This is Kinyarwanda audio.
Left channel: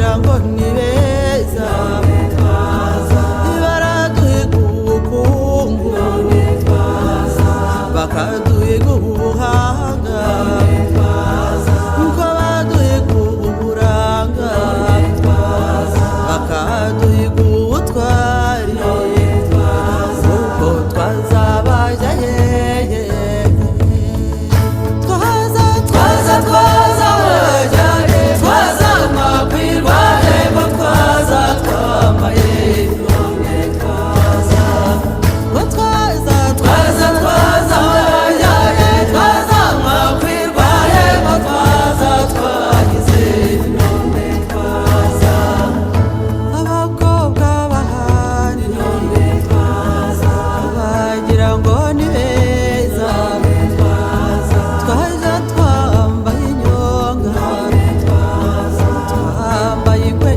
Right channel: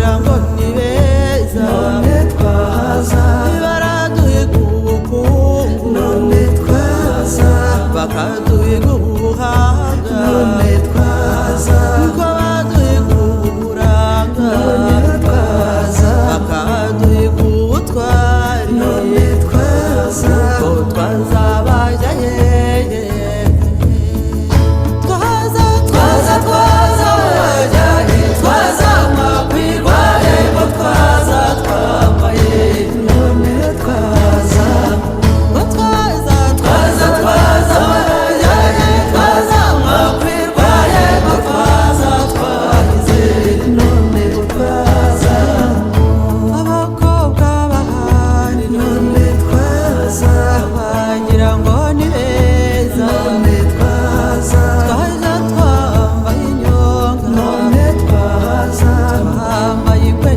bagira ngo ni beza baraduhiga ubukungu bakaduhiga ubuhanga nko baduhiga uburanga bakaduhiga ubutwari nuko twazabajya hehe twaza mwakwirwa hepfo twaza twambaye none twaza mwakwirwa hepfo twaza twagize none twaza abakobwa bahari none twaza bagira ngo ni beza twaja twambaye inyonga twambaye ingwe